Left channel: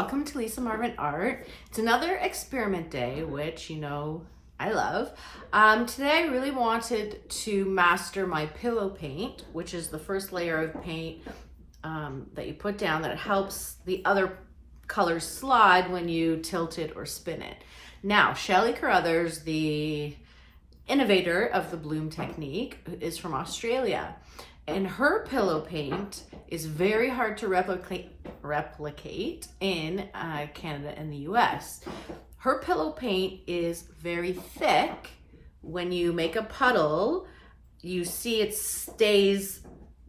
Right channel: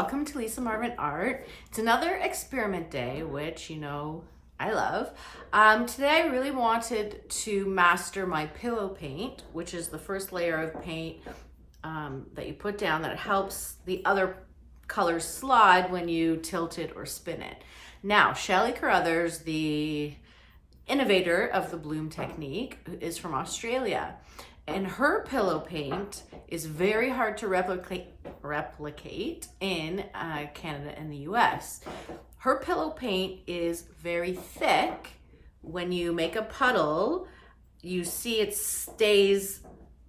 welcome to Lisa Marvin Art. It's another experiment day, which, you know, I love. Today I really wanted to master my pillow paint, which is the first layer of paint that you put down that helps the other colors slide when you tilt it or spin it. Now, Shelley Carruthers, the innovator of the bloom technique, is from Australia. And her pillow paint is very hard to replicate in Canada and the US. Her pillow paint is very thick. When you make a puddle, you see it stays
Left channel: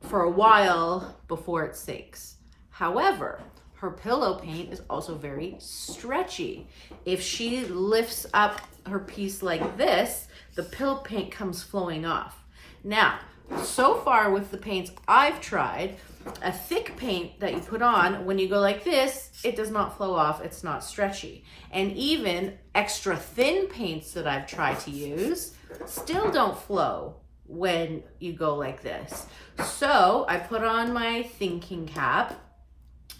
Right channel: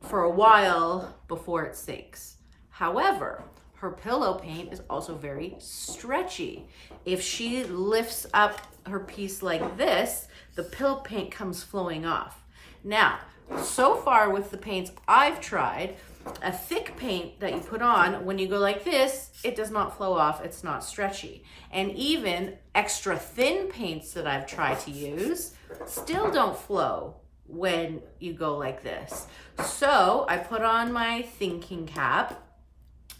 for a while before it sinks. However, her pillow paint is also very stretchy. If she lifts up her piece like this, the pillow paint comes flowing off. Now, so far with the paints I've tried, a thick paint that you put on, when you go like this, it does not flow off, it's not stretchy. And even extra thin paints that I've tried to use still don't flow when you go like this. So I put on my thinking cap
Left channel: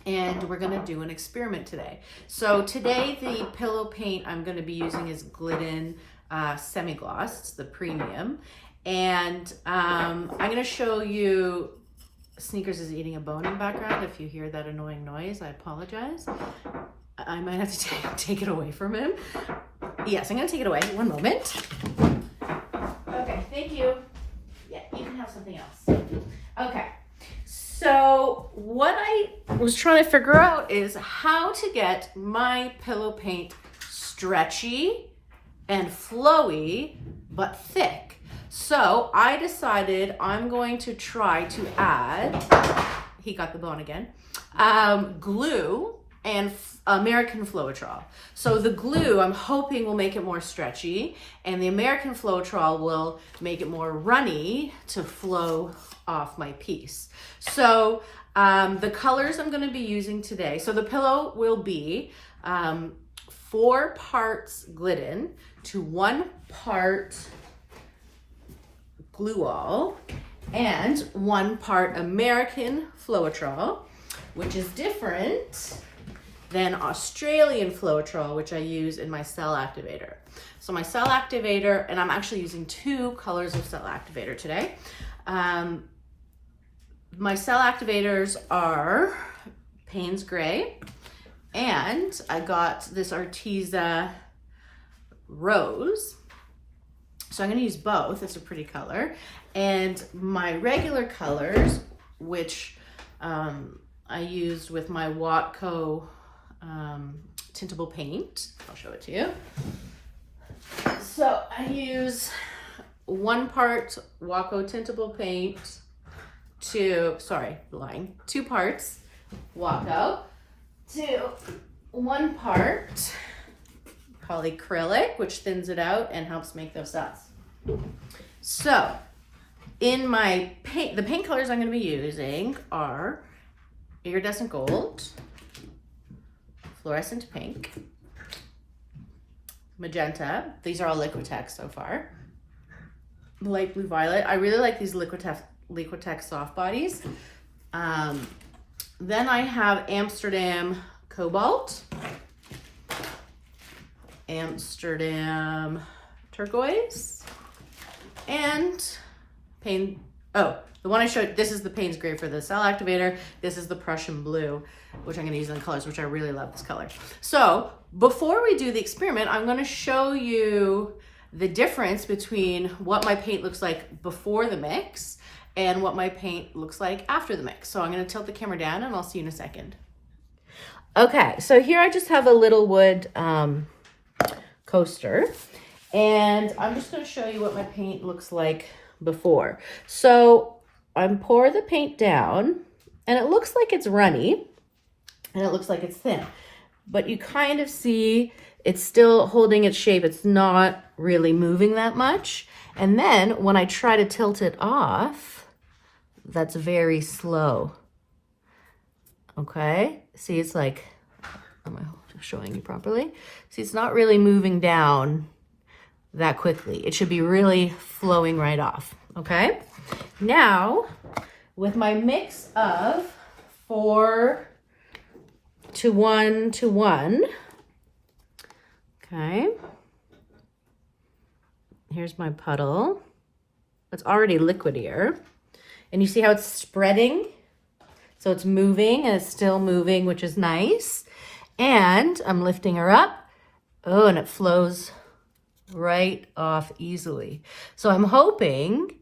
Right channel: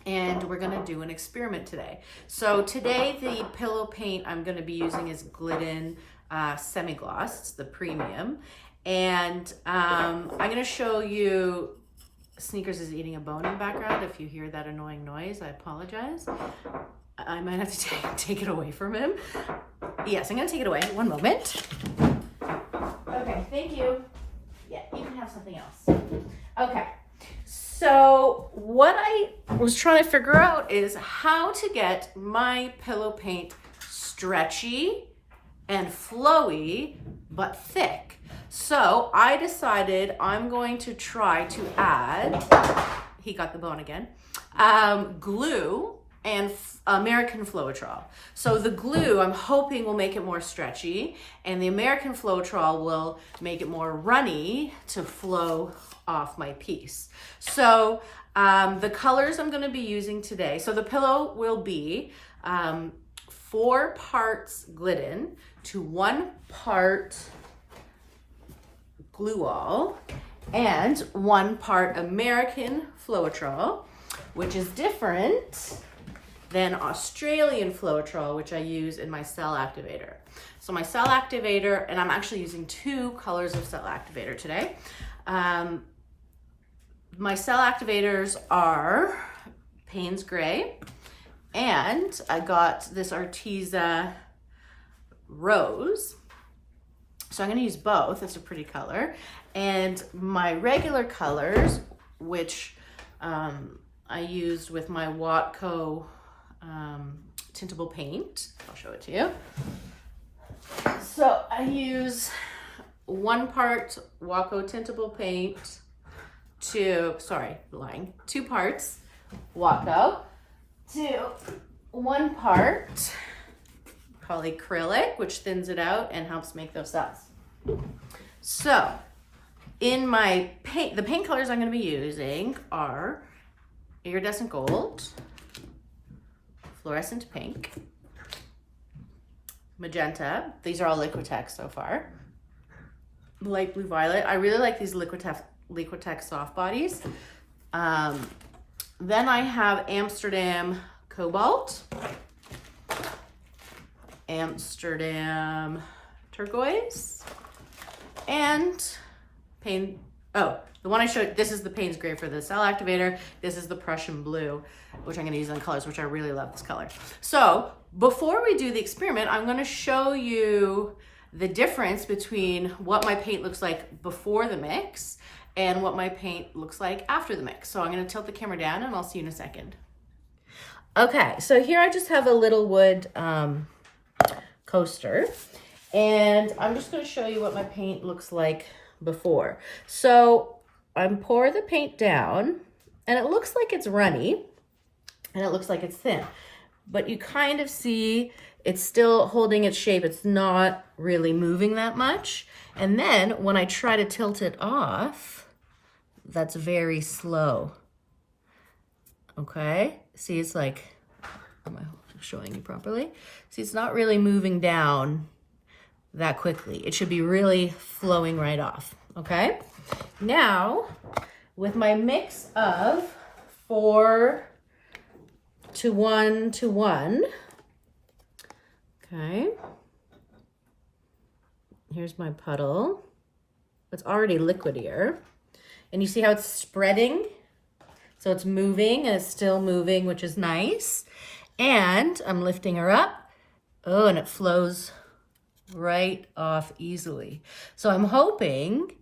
and we're gonna do an experiment today. So today the pillow paint I'm gonna be using is Glidden Semi-Gloss, it's the premium. And I'm gonna show you, Sneakers is eating a bone in the background. If you hear that annoying noise, I apologize. I might have to take it away from him. Yes, I'm gonna take it away, one moment. Okay, thank you. Yeah, you can have something else. Okay, so what I was trying to figure out is how to get my pillow paint stretchy and flowy, but thick. So I decided I'm going to try to add, he got the bone again, glue and American floetrol. So the glue I'm hoping will make it more stretchy, and the American floetrol will make it more runny to flow off my piece. So the colors I'm going to be using today, so the pillow will be 4 parts Glidden to 1 part glue all and 1 part American floetrol, which is different than Australian floetrol, which I use in my cell activator. So my cell activator, and I'm actually using 2 colors of cell activator today. My cell activators are Payne's Gray, and I got this Arteza Rose. So I'm gonna use both, it's a pretty color. And my regular colors, which I used with my Watco tintable paint. I'll show it to you. So I use 1 part Watco tintable paint to, 2 parts Watco to 1 part polyacrylic, which thins it out and helps make those dots. So in my paint, the paint colors I'm going to be using are iridescent gold, fluorescent pink, magenta. These are all Liquitex so far. Light blue violet. I really like these Liquitex soft bodies. Then I have Amsterdam cobalt, Amsterdam turquoise, and the one I showed, this is the Payne's Gray for the cell activator. This is the Prussian blue, which I'm gonna use in colors, which I really love this color. So before we do the experiment, I'm gonna show you the difference between what my paint looks like before the mix and what my paint looks like after the mix. So I'm gonna tilt the camera down and I'll see you in a second. Okay, so here I just have a little wood coaster, and I'm just going to show you what my paint looks like before. So I pour the paint down and it looks like it's runny and it looks like it's thin, but you kind of see it's still holding its shape. It's not really moving that much. And then when I try to tilt it off, that's very slow. Okay, see, it's like, I'm showing you properly. See, it's not really moving down that quickly. It should be really flowing right off, okay? Now, with my mix of 4 to 1 to 1. Okay. Here's my puddle. It's already liquidier. And you see how it's spreading? So it's moving and it's still moving, which is nice. And I'm lifting her up. Oh, and it flows right off easily. So I'm hoping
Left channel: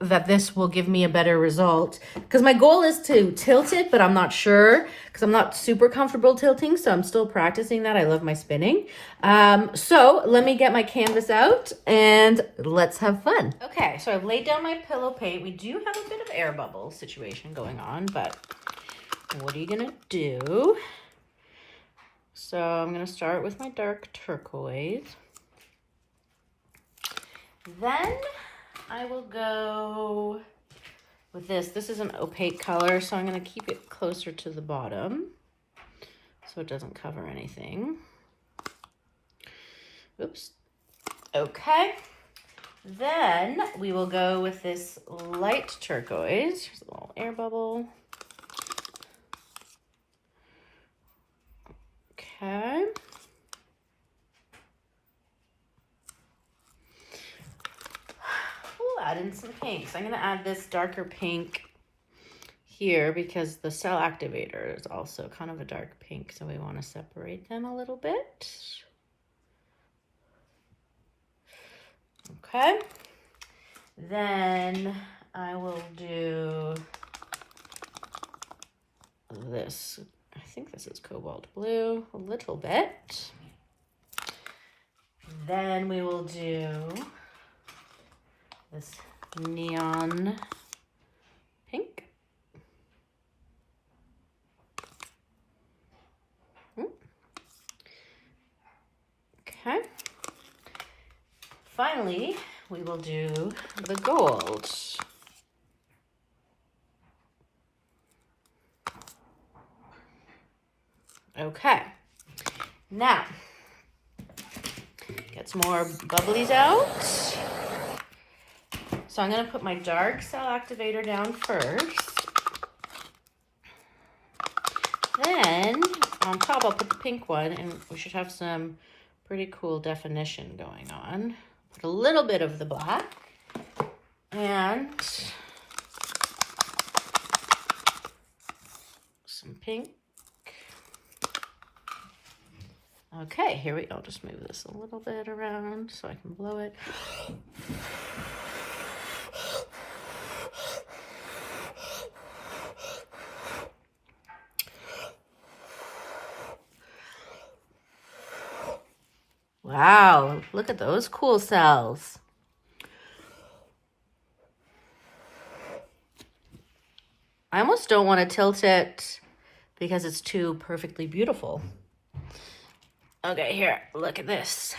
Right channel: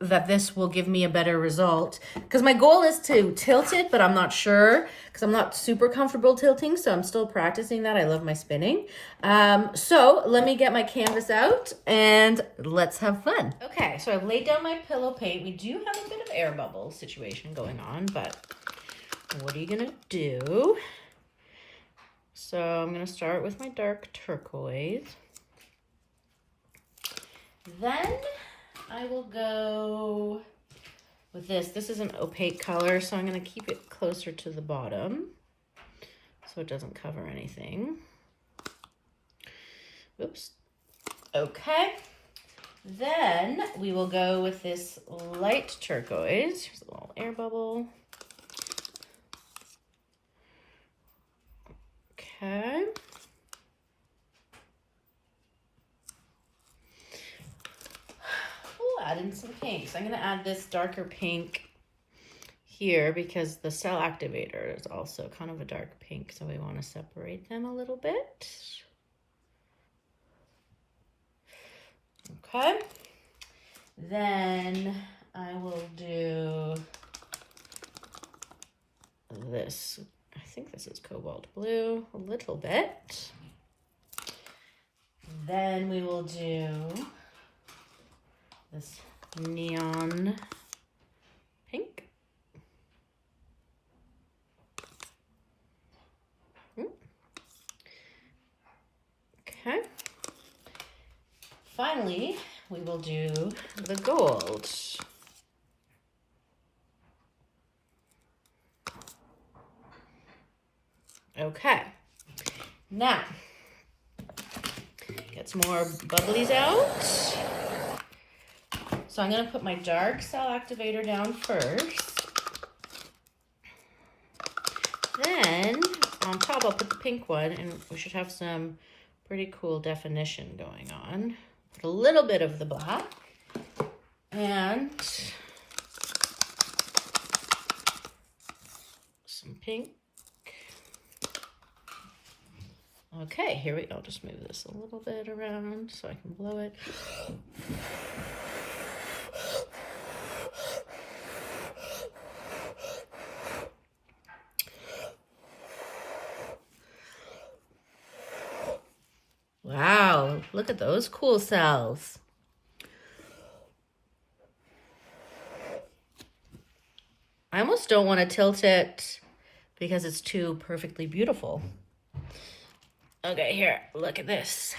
that this will give me a better result, because my goal is to tilt it, but I'm not sure because I'm not super comfortable tilting, so I'm still practicing that. I love my spinning. So let me get my canvas out and let's have fun. Okay, so I've laid down my pillow paint. We do have a bit of air bubble situation going on, but what are you gonna do? So I'm gonna start with my dark turquoise. Then I will go with this. This is an opaque color, so I'm going to keep it closer to the bottom so it doesn't cover anything. Oops. Okay. Then we will go with this light turquoise. Here's a little air bubble. Okay. Add in some pinks. I'm going to add this darker pink here because the Cell Activator is also kind of a dark pink, so we want to separate them a little bit. Okay. Then I will do this. I think this is cobalt blue, a little bit. Then we will do this neon pink. Okay. Finally, we will do the gold. Okay. Now, get some more bubblies out. So I'm going to put my dark Cell Activator down first. Then on top I'll put the pink one, and we should have some pretty cool definition going on. Put a little bit of the black and some pink. Okay, here we go. I'll just move this a little bit around so I can blow it. Wow, look at those cool cells. I almost don't want to tilt it because it's too perfectly beautiful. Okay, here, look at this.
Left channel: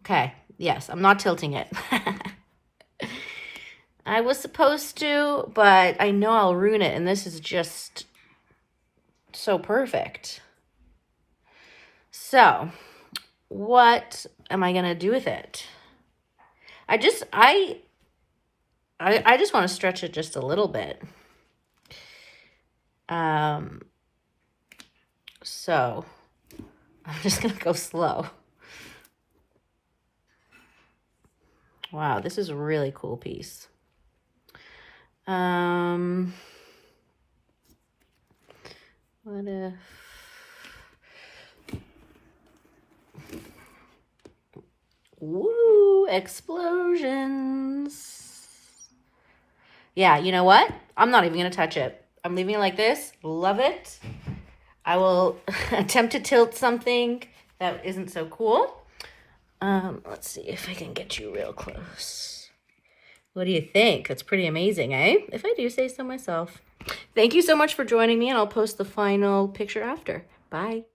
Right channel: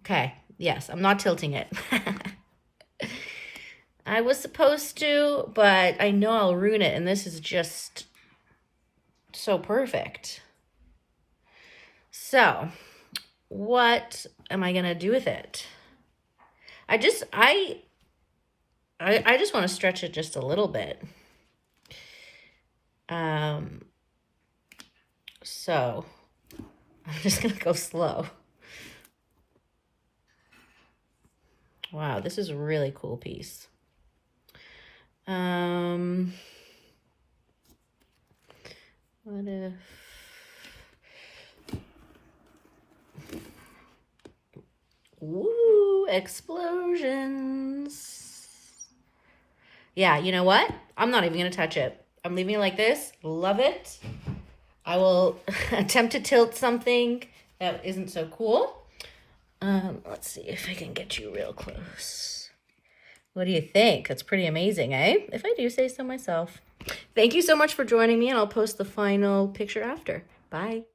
Okay, yes, I'm not tilting it. I was supposed to, but I know I'll ruin it, and this is just so perfect. So, what am I gonna do with it? I just want to stretch it just a little bit. So I'm just gonna go slow. Wow, this is a really cool piece. What if woo, explosions. Yeah, you know what? I'm not even gonna touch it. I'm leaving it like this. Love it. I will attempt to tilt something that isn't so cool. Let's see if I can get you real close. What do you think? That's pretty amazing, eh? If I do say so myself. Thank you so much for joining me, and I'll post the final picture after. Bye.